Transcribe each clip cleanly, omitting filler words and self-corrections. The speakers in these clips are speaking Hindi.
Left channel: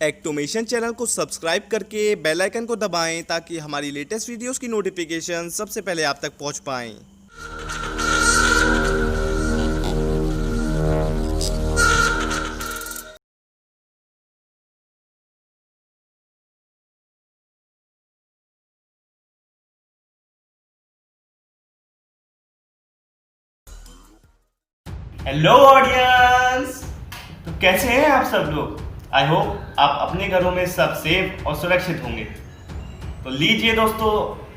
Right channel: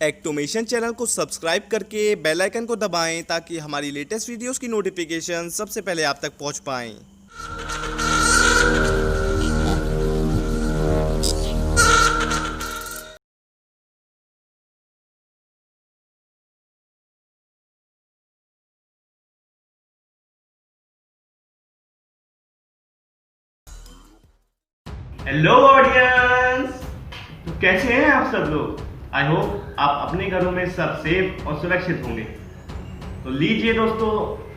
एक्टोमेशन चैनल को सब्सक्राइब करके बेल आइकन को दबाएं ताकि हमारी लेटेस्ट वीडियोस की नोटिफिकेशन सबसे पहले आप तक पहुंच पाएं। हेलो ऑडियंस, तो कैसे हैं आप सब लोग। आई होप आप अपने घरों में सब सेफ और सुरक्षित होंगे। तो लीजिए दोस्तों,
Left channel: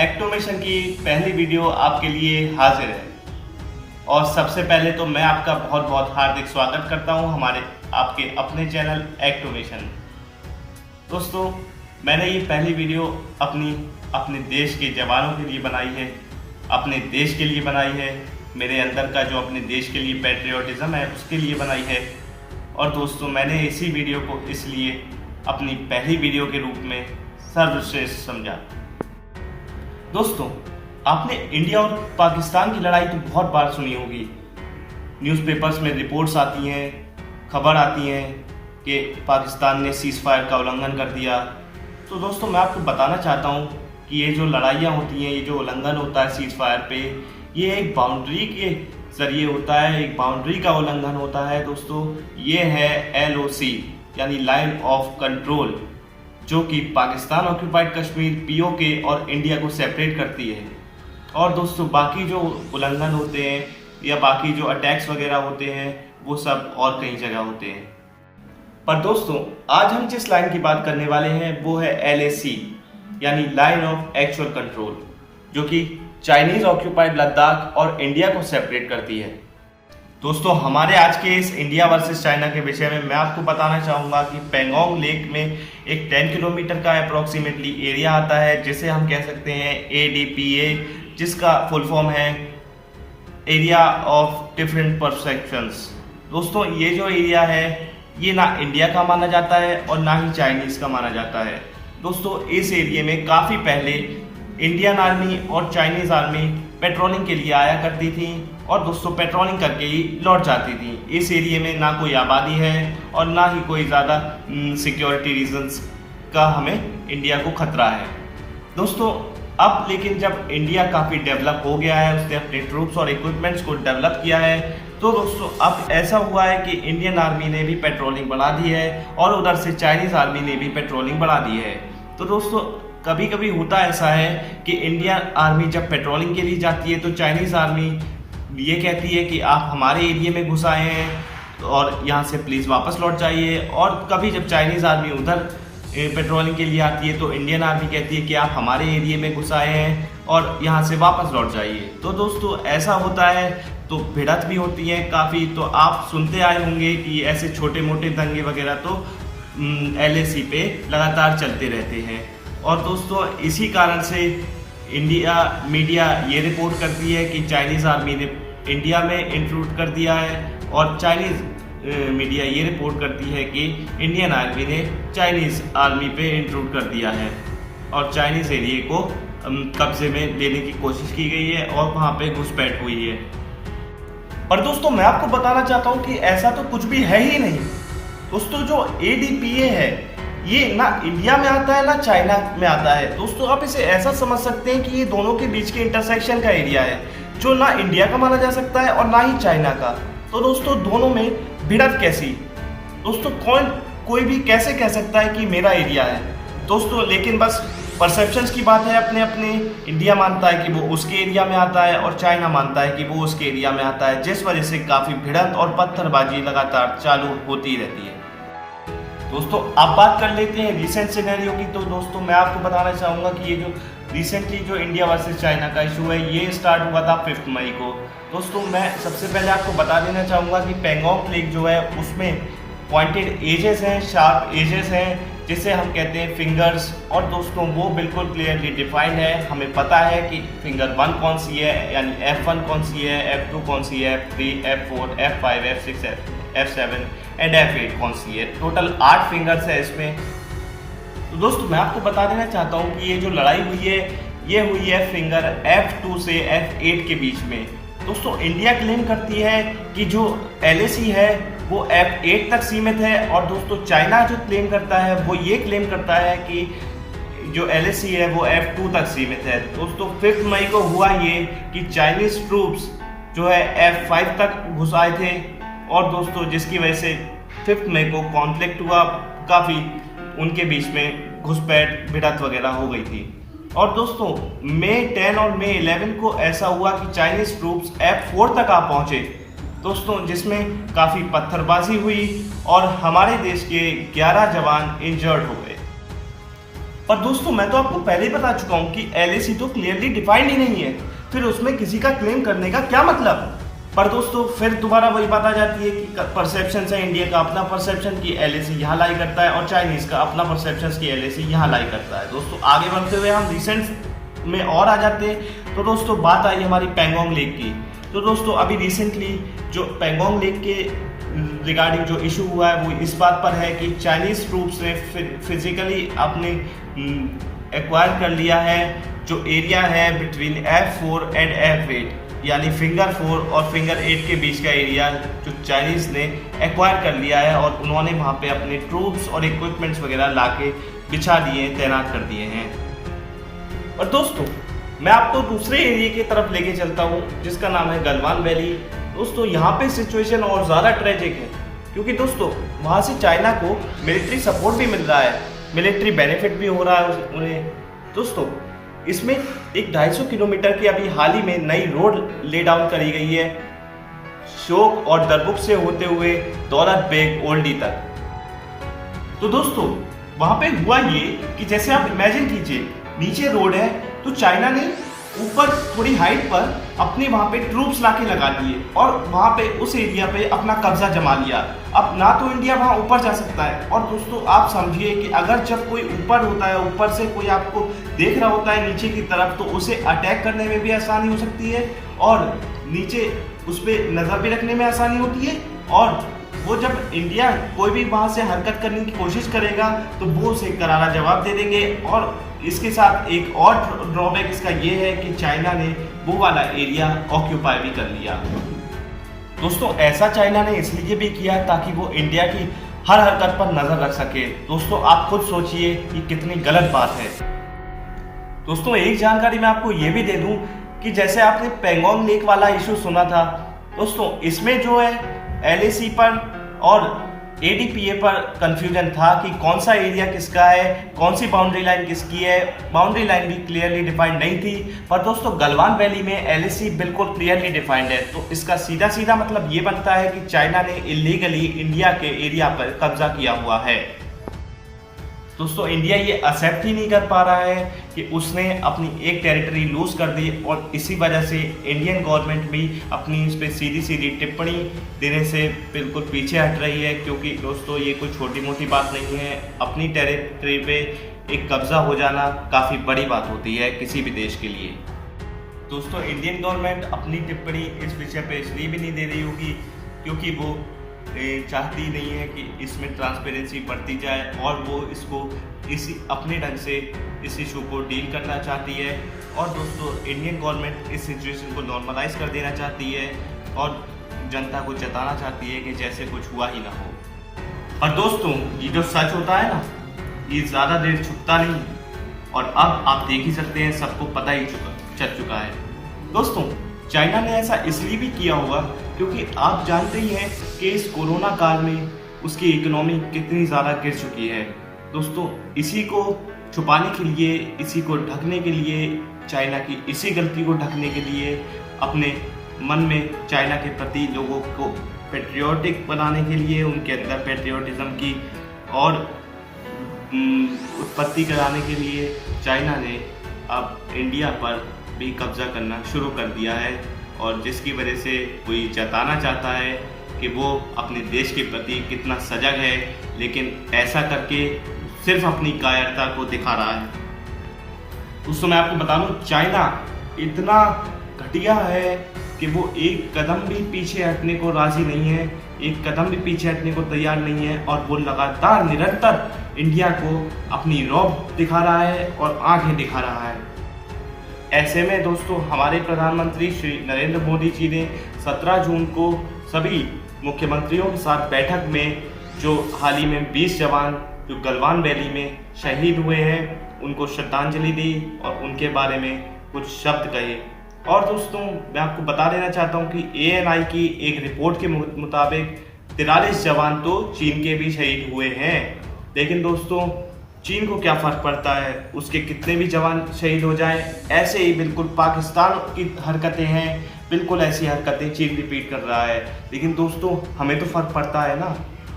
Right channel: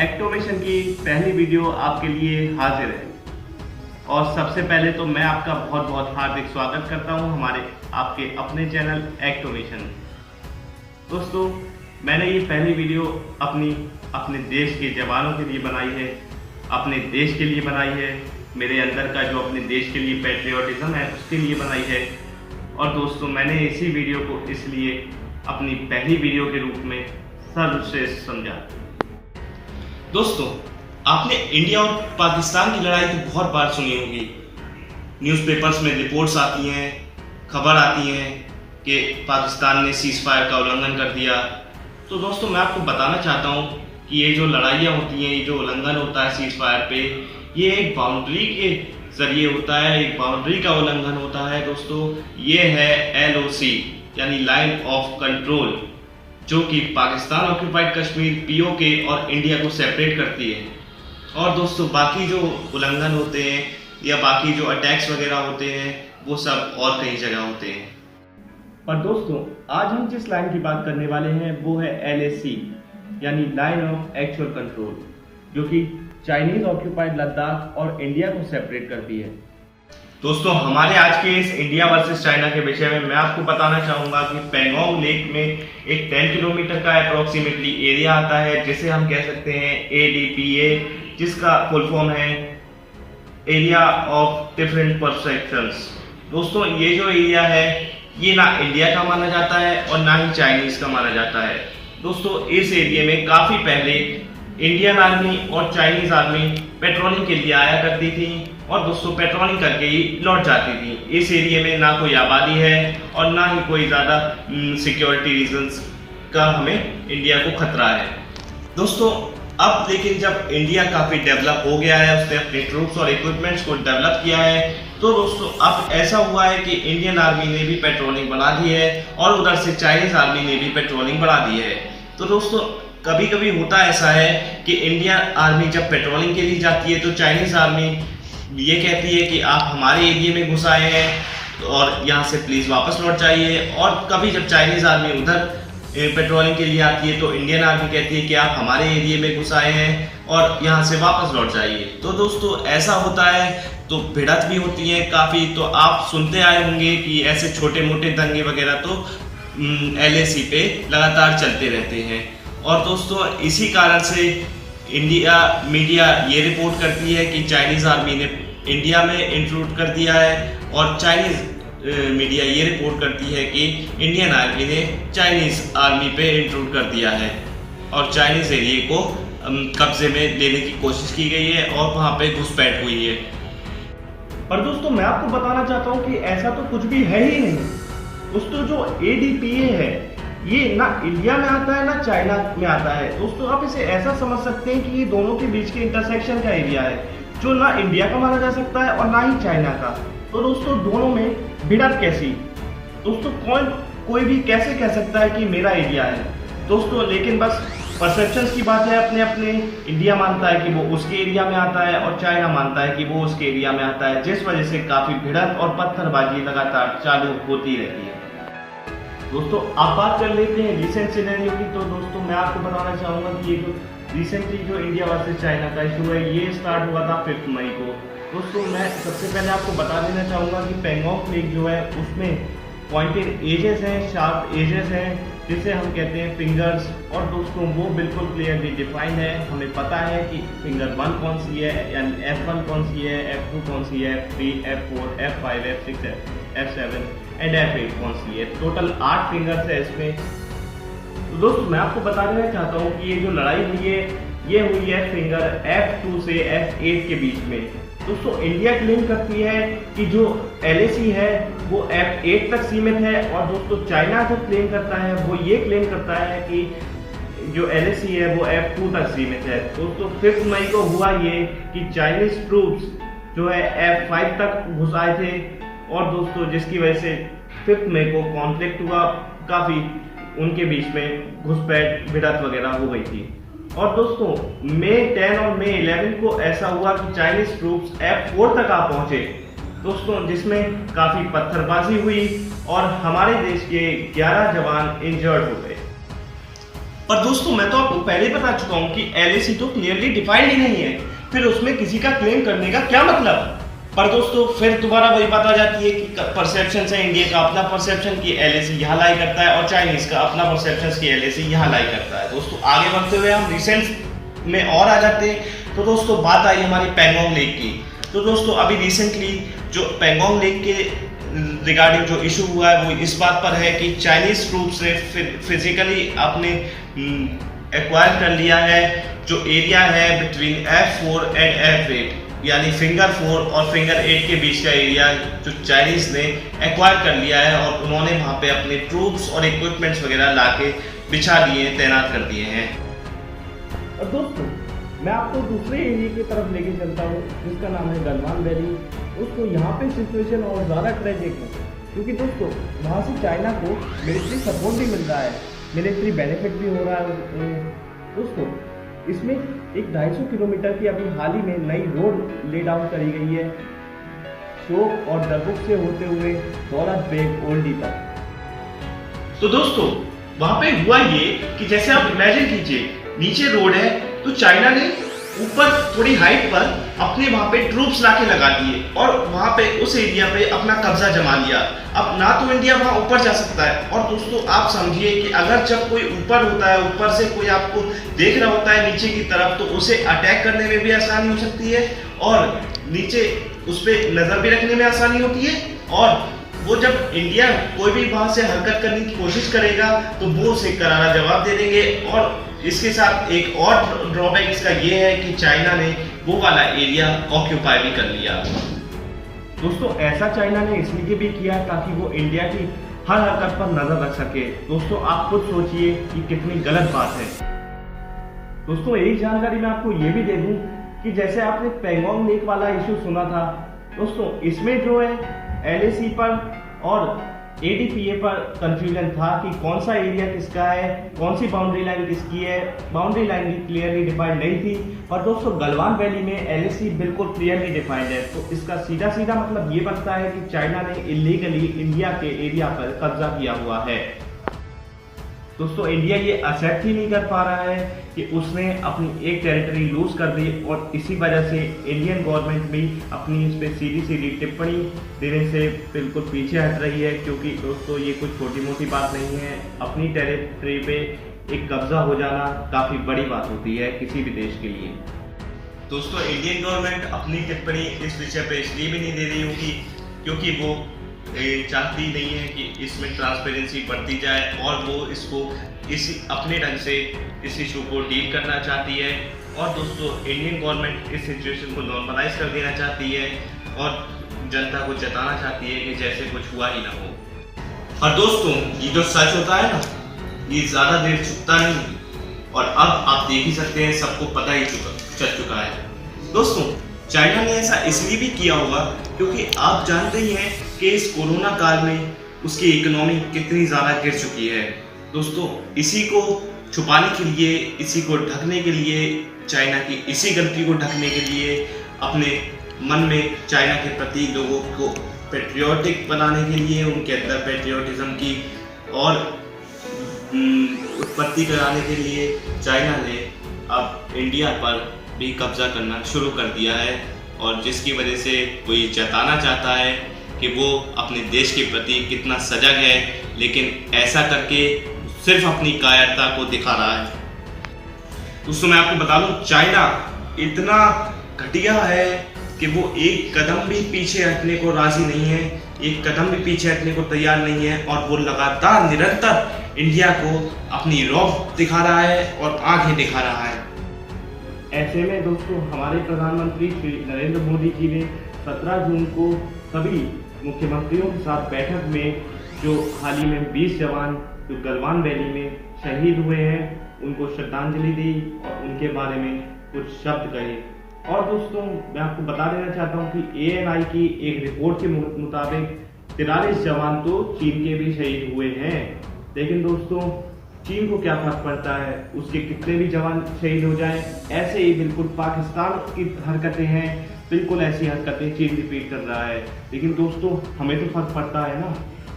एक्टोमेशन की पहली वीडियो आपके लिए हाजिर है। और सबसे पहले तो मैं आपका बहुत बहुत हार्दिक स्वागत करता हूं हमारे आपके अपने चैनल एक्टोमेशन। दोस्तों, मैंने ये पहली वीडियो अपने देश के जवानों के लिए बनाई है, अपने देश के लिए बनाई है, मेरे अंदर का जो अपने देश के लिए पैट्रियोटिज्म है उसके लिए बनाई है। और दोस्तों, मैंने इसी वीडियो को इसलिए अपनी पहली वीडियो के रूप में सर्वश्रेष्ठ समझा। दोस्तों, आपने इंडिया और पाकिस्तान की लड़ाई तो बहुत बार सुनी होगी। न्यूज़पेपर्स में रिपोर्ट्स आती हैं, खबर आती हैं कि पाकिस्तान ने सीज़ फायर का उल्लंघन कर दिया। तो दोस्तों, मैं आपको बताना चाहता हूँ कि ये जो लड़ाइयाँ होती हैं, ये जो उल्लंघन होता है सीज़ फायर पे, ये एक बाउंड्री के जरिए होता है, एक बाउंड्री का उल्लंघन होता है। दोस्तों, ये है LOC यानी लाइन ऑफ कंट्रोल, जो कि पाकिस्तान ऑक्यूपाइड कश्मीर POK और इंडिया को सेपरेट करती है। और दोस्तों, बाकी जो उल्लंघन होते हैं या बाकी जो अटैक्स वगैरह होते हैं वो सब और कई जगह होते हैं। पर दोस्तों, आज हम जिस लाइन की बात करने वाले हैं वो है LAC यानी लाइन ऑफ एक्चुअल कंट्रोल, जो कि चाइनीज ऑक्यूपाइड लद्दाख और इंडिया को सेपरेट करती है। दोस्तों, हमारे आज के इस इंडिया वर्सेस चाइना के विषय में मैं आपको बताना चाहूँगा कि पेंगोंग लेक में एक 10 किलोमीटर का अप्रोक्सीमेटली एरिया आता है, जिसे हम कह सकते हैं ADPA, जिसका फुल फॉर्म है एरिया ऑफ डिफरेंट परसेप्शंस। दोस्तों, ये जो एरिया है ये ना इंडिया का माना जाता है और ना ही चाइनीज का माना जाता है। दोस्तों, इस एरिया में काफ़ी पहले इंडियन आर्मी और चाइनीज आर्मी पेट्रोलिंग के लिए आया करती थी और दोस्तों पेट्रोलिंग करके ही लौट जाती थी। इस एरिया में ना कोई आबादी है और ना ही कोई ज़्यादा सिक्योरिटी रीजंस का हमें इंडिया को खतरा है। दोस्तों, अब लेकिन जब इंडिया काफ़ी डेवलप हो गया है, उसने अपने ट्रूप्स और इक्विपमेंट्स को डेवलप किया है, तो दोस्तों अब ऐसा हुआ है कि इंडियन आर्मी ने भी पेट्रोलिंग बढ़ा दी है और उधर से चाइनीज आर्मी ने भी पेट्रोलिंग बढ़ा दी है। तो दोस्तों, कभी कभी होता ऐसा है कि इंडियन आर्मी जब पेट्रोलिंग के लिए जाती है तो चाइनीज़ आर्मी ये कहती है कि आप हमारे एरिया में घुस आए हैं और यहाँ से प्लीज़ वापस लौट जाइए। और कभी जब चाइनीज़ आर्मी उधर पेट्रोलिंग के लिए आती है तो इंडियन आर्मी कहती है कि आप हमारे एरिया में घुस आए हैं और यहाँ से वापस लौट जाइए। तो दोस्तों, ऐसा होता है, तो भिड़ंत भी होती है काफ़ी। तो आप सुनते आए होंगे कि ऐसे छोटे मोटे दंगे वगैरह तो LAC पे लगातार चलते रहते हैं। और दोस्तों, इसी कारण से इंडिया मीडिया ये रिपोर्ट करती है कि चाइनीज़ आर्मी ने इंडिया में इंट्रूड कर दिया है और चाइनीज़ मीडिया ये रिपोर्ट करती है कि इंडियन आर्मी ने चाइनीज़ आर्मी पे इंट्रूड कर दिया है और चाइनीज़ एरिया को कब्जे में लेने की कोशिश की गई है और वहाँ पे घुसपैठ हुई है। और दोस्तों, मैं आपको बताना चाहता हूँ कि ऐसा तो कुछ भी है ही नहीं। दोस्तों, जो ADPA है ये ना इंडिया में आता है ना चाइना में आता है। दोस्तों, आप इसे ऐसा समझ सकते हैं कि ये दोनों के बीच के इंटरसेक्शन का एरिया है, जो ना इंडिया का माना जा सकता है और ना ही चाइना का। तो दोस्तों, दोनों में भिड़ंत कैसी? दोस्तों, कोई भी कैसे कह सकता है कि मेरा एरिया है? दोस्तों, लेकिन बस परसेप्शंस की बात है। अपने अपने इंडिया मानता है कि वो उसके एरिया में आता है और चाइना मानता है कि वो उसके एरिया में आता है, जिस वजह से काफ़ी भिड़ंत और पत्थरबाजी लगातार चालू होती रहती है। दोस्तों, आप बात कर लेते हैं रिसेंट सिनेरियो की। तो दोस्तों, मैं आपको बताना चाहूँगा कि ये जो रिसेंटली जो इंडिया वर्सेस चाइना का इशू है ये स्टार्ट हुआ था 5 मई को। दोस्तों, मैं सबसे पहले आपको बता देना चाहूँगा कि पेंगोंग लेक जो है उसमें पॉइंटेड एजेस हैं, शार्प एजेस हैं, जिसे हम कहते हैं फिंगर्स। और दोस्तों, वो बिल्कुल क्लियरली डिफाइंड है। हमें पता है कि फिंगर 1 कौन सी है, यानी F1 कौन सी है, F2 कौन सी है, F3, F4, F5, F6, F7 and F8 कौन सी है। टोटल 8 फिंगर्स है इसमें। तो दोस्तों, मैं आपको बता देना चाहता हूँ कि ये जो लड़ाई हुई है ये हुई है फिंगर F2 से F8 के बीच में। दोस्तों, इंडिया क्लेम करती है कि जो LAC है वो F8 तक सीमित है। और दोस्तों चाइना जो क्लेम करता है वो ये क्लेम करता है कि जो LAC है वो F2 तक सीमित है। दोस्तों 5 मई को हुआ ये कि चाइनीज ट्रूप्स जो है F5 तक घुस आए थे, और दोस्तों जिसकी वजह से 5 मई को कॉन्फ्लिक्ट हुआ, काफ़ी उनके बीच में घुसपैठ भिड़ंत वगैरह हो गई थी। और दोस्तों मई 10 और मई 11 को ऐसा हुआ कि चाइनीज ट्रूप्स F4 तक आ पहुंचे दोस्तों, जिसमें काफ़ी पत्थरबाजी हुई और हमारे देश के 11 जवान इंजर्ड हो गए। और दोस्तों मैं तो आपको पहले ही बता चुका हूं कि LAC तो क्लियरली डिफाइंड ही नहीं है, फिर उसमें किसी का क्लेम करने का क्या मतलब। पर दोस्तों फिर दोबारा वही बात आ जाती है कि परसेप्शन है, इंडिया का अपना परसेप्शन कि LAC यहाँ लाई करता है और चाइनीज का अपना परसेप्शन कि LAC यहाँ लाई करता है। दोस्तों आगे बढ़ते हुए हम रिसेंट में और आ जाते हैं। तो दोस्तों बात आई हमारी पैंगोंग लेक की। तो दोस्तों अभी रिसेंटली जो पैंगोंग लेक के रिगार्डिंग जो इशू हुआ है वो इस बात पर है कि चाइनीज ट्रूप्स ने फिजिकली अपने एक्वायर कर लिया है जो एरिया है बिटवीन F4 एंड F8, यानी फिंगर 4 और फिंगर 8 के बीच का एरिया जो चाइनीज ने एक्वायर कर लिया है, और उन्होंने वहाँ पे अपने ट्रूप्स और इक्विपमेंट्स वगैरह लाके बिछा दिए, तैनात कर दिए हैं। और दोस्तों मैं आपको दूसरे एरिया की तरफ लेके चलता हूँ जिसका नाम है गलवान वैली। दोस्तों यहाँ पे सिचुएशन और ज़्यादा ट्रेजिक है, क्योंकि दोस्तों वहाँ से चाइना को मिलिट्री सपोर्ट भी मिल रहा है, मिलिट्री बेनिफिट भी हो रहा है उन्हें। दोस्तों इसमें एक 250 किलोमीटर की अभी हाल ही में नई रोड ले डाउन करी गई है, शोक और दरबुक से होते हुए दौलत बेग ओल्डी तक। तो दोस्तों वहां पे हुआ ये कि जैसे आप इमेजिन कीजिए, नीचे रोड है तो चाइना ने ऊपर थोड़ी हाइट पर अपने वहां पे ट्रूप्स लाके लगा दिए और वहां पे उस एरिया पे अपना कब्जा जमा लिया। अब ना तो इंडिया वहां ऊपर जा सकता है, और दोस्तों आप समझिए कि अगर जब कोई ऊपर होता है, ऊपर से कोई आपको देख रहा होता है नीचे की तरफ, तो उसे अटैक करने में भी आसानी हो सकती है और नीचे उस पर नजर भी रखने में आसानी होती है। और वो जब इंडिया कोई भी वहां से हरकत करने की कोशिश करेगा तो वो उसे करारा जवाब दे देंगे। और इसके साथ एक और ड्रॉबैक इसका ये है कि चाइना ने वो वाला एरिया ऑक्यूपाई भी कर लिया। दोस्तों ऐसा चाइना ने इसलिए भी किया ताकि वो इंडिया की हर हरकत पर नजर रख सके। दोस्तों आप खुद सोचिए कि कितनी गलत बात है। दोस्तों एक जानकारी मैं आपको ये भी दे दूं कि जैसे आपने पैंगोंग लेक वाला इशू सुना था, दोस्तों इसमें जो है LAC पर और ADPA पर कंफ्यूजन था कि कौन सा एरिया किसका है, कौन सी बाउंड्री लाइन किसकी है। बाउंड्री लाइन भी क्लियरली डिफाइंड नहीं थी, पर दोस्तों गलवान वैली में LAC बिल्कुल क्लियरली डिफाइंड है। तो इसका सीधा सीधा मतलब ये बनता है कि चाइना ने इलीगली इंडिया के एरिया पर कब्जा किया हुआ है। दोस्तों इंडिया ये एक्सेप्ट ही नहीं कर पा रहा है कि उसने अपनी एक टेरिटरी लूज कर दी, और इसी वजह से इंडियन गवर्नमेंट भी अपनी इस पर सीधी सीधी टिप्पणी देने से बिल्कुल पीछे हट रही है। क्योंकि दोस्तों ये कोई छोटी मोटी बात नहीं है, अपनी टेरिटरी पे एक कब्जा हो जाना काफ़ी बड़ी बात होती है किसी भी देश के लिए। दोस्तों इंडियन गवर्नमेंट अपनी टिप्पणी इस विषय पर इसलिए भी नहीं दे रही होगी क्योंकि वो चाहती नहीं है कि इसमें ट्रांसपेरेंसी बढ़ती जाए, और वो इसको इसी अपने ढंग से इस इशू को डील करना चाहती है। और दोस्तों इंडियन गवर्नमेंट इस सिचुएशन को नॉर्मलाइज कर देना चाहती है और जनता को जताना चाहती है कि जैसे कुछ हुआ ही ना हो। और दोस्तों ये जो सच होता है ना, ये ज़्यादा देर छुपता नहीं, और अब आप देख ही सकते हैं, सबको पता ही चल चुका है। दोस्तों चाइना ने ऐसा इसलिए भी किया होगा क्योंकि आप जानते ही हैं कि इस कोरोना काल में उसकी इकोनॉमी कितनी ज़्यादा गिर चुकी है। दोस्तों इसी को छुपाने के लिए, इसी को ढकने के लिए, चाइना की इसी गलती को ढकने के लिए अपने मन में चाइना के प्रति लोगों को पेट्रियोटिक बनाने के लिए, उनके अंदर पेट्रियोटिज्म की और उत्पत्ति कराने के लिए चाइना ने अब इंडिया पर भी कब्जा करना शुरू कर दिया है, और जिसकी वजह से वो ये जताना चाहता है कि वो अपने देश के प्रति कितना सजग है, लेकिन ऐसा करके सिर्फ अपनी कायरता को दिखा रहा है। दोस्तों मैं आपको बता दूं, चाइना इतना घटिया है कि वो एक कदम भी पीछे हटने को राजी नहीं है, एक कदम भी पीछे हटने को तैयार नहीं है, और वो लगातार निरंतर इंडिया को अपनी रौब दिखा रहा है और आंखें दिखा रहा है। ऐसे में दोस्तों हमारे प्रधानमंत्री श्री नरेंद्र मोदी जी ने 17 जून को सभी मुख्यमंत्रियों के साथ बैठक में जो हाल ही में 20 जवान जो गलवान वैली में शहीद हुए हैं उनको श्रद्धांजलि दी और उनके बारे में कुछ शब्द कहे। और दोस्तों मैं आपको बता देना चाहता हूं कि ANI की एक रिपोर्ट के मुताबिक 43 जवान तो चीन के भी शहीद हुए हैं। लेकिन दोस्तों चीन को क्या फर्क पड़ता है, उसके कितने भी जवान शहीद हो जाएं। ऐसे ही बिल्कुल पाकिस्तान की हरकतें हैं, बिल्कुल ऐसी हरकतें चीन रिपीट कर रहा है। लेकिन दोस्तों हमें तो फर्क पड़ता है ना,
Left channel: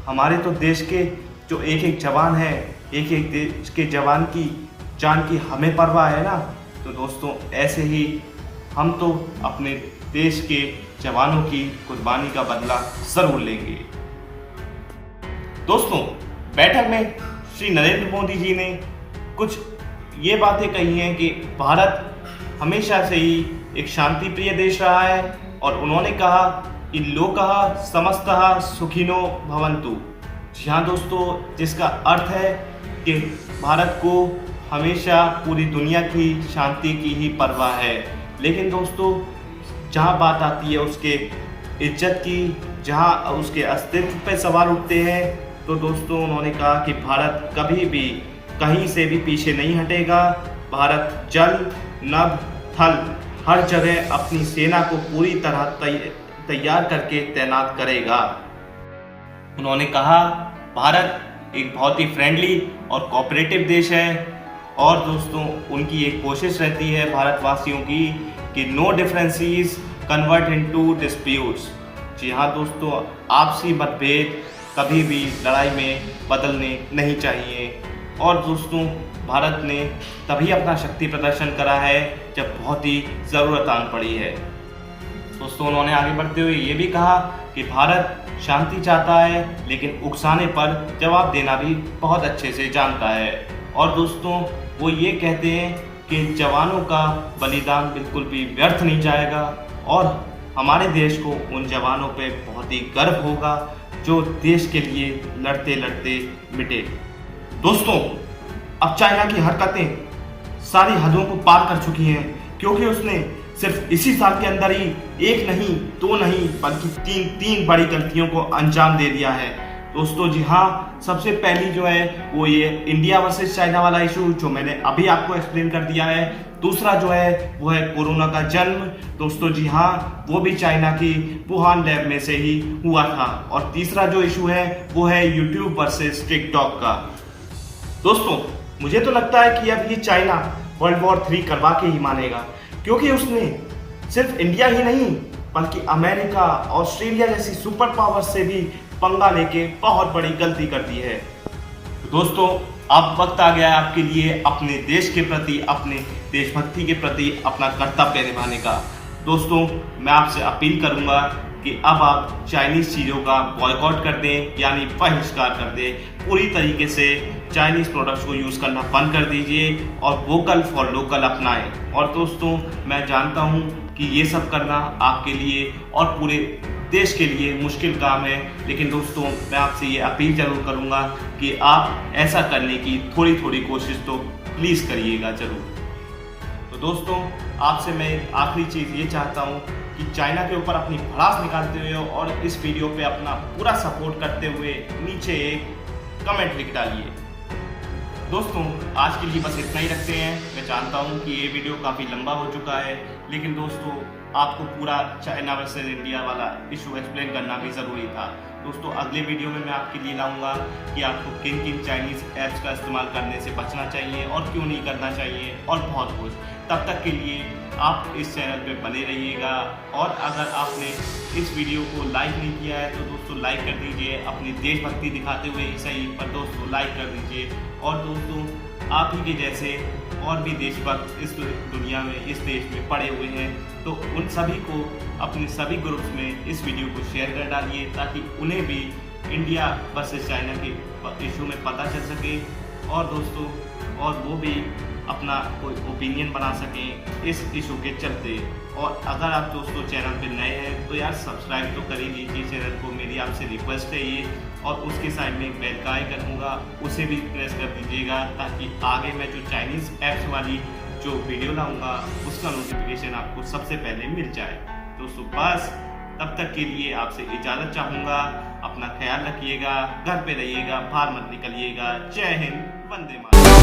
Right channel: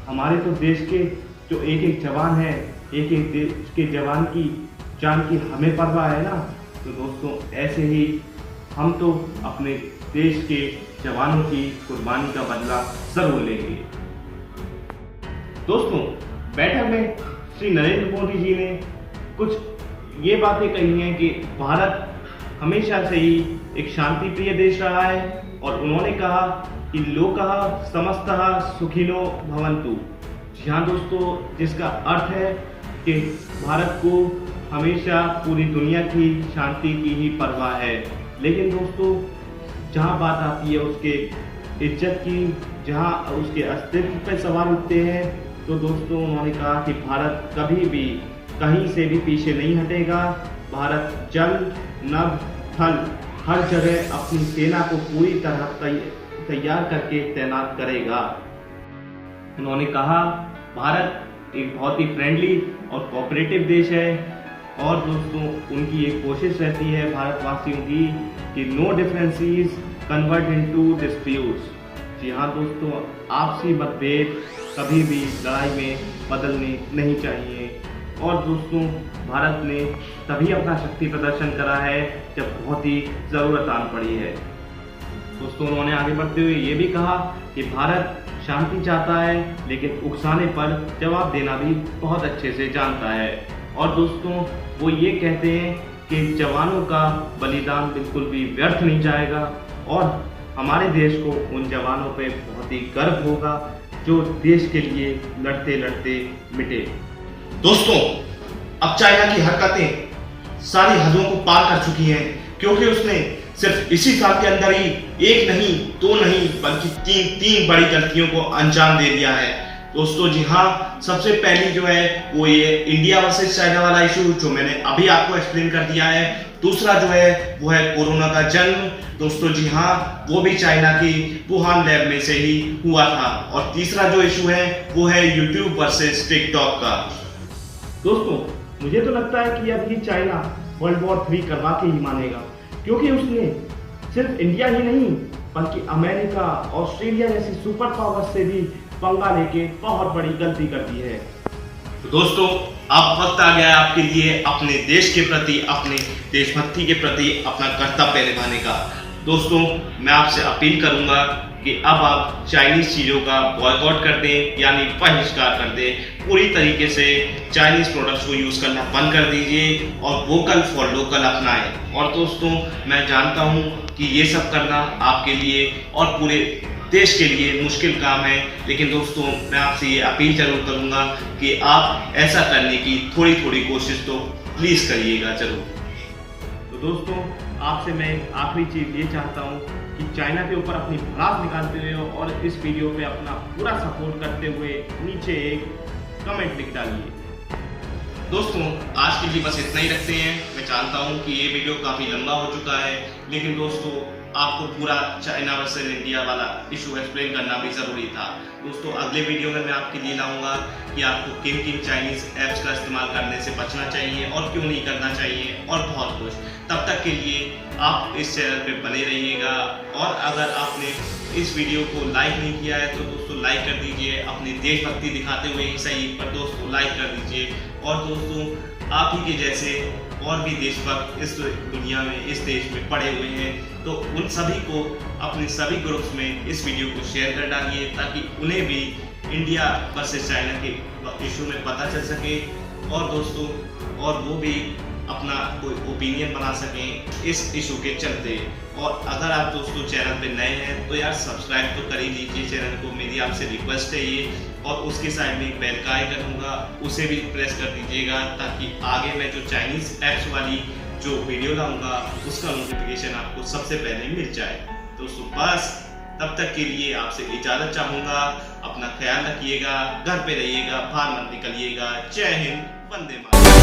हमारे तो देश के जो एक एक जवान है, एक एक देश के जवान की जान की हमें परवाह है ना। तो दोस्तों ऐसे ही हम तो अपने देश के जवानों की कुर्बानी का बदला जरूर लेंगे। दोस्तों बैठक में श्री नरेंद्र मोदी जी ने कुछ ये बातें कही हैं कि भारत हमेशा से ही एक शांति प्रिय देश रहा है और उन्होंने कहा कि लोकः समस्तः सुखिनो भवन्तु। जी हाँ दोस्तों, जिसका अर्थ है कि भारत को हमेशा पूरी दुनिया की शांति की ही परवाह है। लेकिन दोस्तों जहाँ बात आती है उसके इज्जत की, जहाँ उसके अस्तित्व पे सवाल उठते हैं, तो दोस्तों उन्होंने कहा कि भारत कभी भी कहीं से भी पीछे नहीं हटेगा। भारत जल नभ थल हर जगह अपनी सेना को पूरी तरह तैयार करके तैनात करेगा। उन्होंने कहा भारत एक बहुत ही फ्रेंडली और कोऑपरेटिव देश है और दोस्तों उनकी एक कोशिश रहती है भारतवासियों की कि no differences convert into disputes. जी हाँ दोस्तों, आपसी मतभेद कभी भी लड़ाई में बदलने नहीं चाहिए। और दोस्तों भारत ने तभी अपना शक्ति प्रदर्शन करा है जब बहुत ही ज़रूरत आन पड़ी है। दोस्तों उन्होंने आगे बढ़ते हुए ये भी कहा कि भारत शांति चाहता है लेकिन उकसाने पर जवाब देना भी बहुत अच्छे से जानता है। और दोस्तों वो ये कहते हैं कि जवानों का बलिदान बिल्कुल भी व्यर्थ नहीं जाएगा और हमारे देश को उन जवानों पे बहुत ही गर्व होगा जो देश के लिए लड़ते लड़ते मिटे। दोस्तों अब चाइना की हरकतें सारी हदों को पार कर चुकी हैं, क्योंकि उसने सिर्फ इसी साल के अंदर ही एक नहीं दो नहीं बल्कि तीन बड़ी गलतियों को अंजाम दे दिया है। दोस्तों जी हाँ, सबसे पहली जो है वो ये इंडिया वर्सेस चाइना वाला इशू जो मैंने अभी आपको एक्सप्लेन कर दिया है। दूसरा जो है वो है कोरोना का जन्म। दोस्तों जी हाँ, वो भी चाइना की वुहान लैब में से ही हुआ था। और तीसरा जो इशू है वो है यूट्यूब वर्सेस टिकटॉक का। दोस्तों मुझे तो लगता है कि अब ये चाइना वर्ल्ड वॉर 3 करवा के ही मानेगा, क्योंकि उसने सिर्फ इंडिया ही नहीं बल्कि अमेरिका, ऑस्ट्रेलिया जैसी सुपर पावर से भी पंगा लेके बहुत बड़ी गलती कर दी है। तो दोस्तों अब वक्त आ गया है आपके लिए अपने देश के प्रति, अपने देशभक्ति के प्रति अपना कर्तव्य निभाने का। दोस्तों मैं आपसे अपील करूंगा कि अब आप चाइनीज़ चीज़ों का बॉयकॉट कर दें, यानी बहिष्कार कर दें। पूरी तरीके से चाइनीज़ प्रोडक्ट्स को यूज़ करना बंद कर दीजिए और वोकल फॉर लोकल अपनाएं। और दोस्तों मैं जानता हूं कि ये सब करना आपके लिए और पूरे देश के लिए मुश्किल काम है, लेकिन दोस्तों मैं आपसे ये अपील जरूर करूंगा कि आप ऐसा करने की थोड़ी थोड़ी कोशिश तो प्लीज़ करिएगा जरूर। तो दोस्तों आपसे मैं आखिरी चीज़ ये चाहता हूँ कि चाइना के ऊपर अपनी भड़ास निकालते हुए और इस वीडियो पे अपना पूरा सपोर्ट करते हुए नीचे एक कमेंट लिख डालिए। दोस्तों आज के लिए बस इतना ही रखते हैं। मैं जानता हूँ कि ये वीडियो काफ़ी लंबा हो चुका है, लेकिन दोस्तों आपको पूरा चाइना वर्सेस इंडिया वाला इशू एक्सप्लेन करना भी ज़रूरी था। दोस्तों अगले वीडियो में मैं आपके लिए लाऊंगा कि आपको किन किन चाइनीज़ ऐप्स का इस्तेमाल करने से बचना चाहिए और क्यों नहीं करना चाहिए और बहुत कुछ। तब तक के लिए आप इस चैनल पे बने रहिएगा। और अगर आपने इस वीडियो को लाइक नहीं किया है तो दोस्तों लाइक कर दीजिए, अपनी देशभक्ति दिखाते हुए ही सही पर दोस्तों लाइक कर दीजिए। और दोस्तों आप ही के जैसे और भी देशभक्त इस दुनिया में, इस देश में पड़े हुए हैं, तो उन सभी को अपने सभी ग्रुप्स में इस वीडियो को शेयर कर डालिए ताकि उन्हें भी इंडिया वर्सेस चाइना के इशू में पता चल सके और दोस्तों और वो भी अपना कोई ओपिनियन बना सकें इस इशू के चलते। और अगर आप दोस्तों चैनल पे नए हैं तो यार सब्सक्राइब तो कर ही लीजिए चैनल को, मेरी आपसे रिक्वेस्ट है ये। और उसके साइड में एक बेल का आइकन होगा, उसे भी प्रेस कर दीजिएगा ताकि आगे मैं जो चाइनीज़ ऐप्स वाली जो वीडियो लाऊंगा उसका नोटिफिकेशन आपको सबसे पहले मिल जाए। दोस्तों बस तब तक के लिए आपसे इजाजत चाहूंगा। अपना ख्याल रखिएगा, घर पे रहिएगा, बाहर मत निकलिएगा। जय हिंद, वंदे मातरम।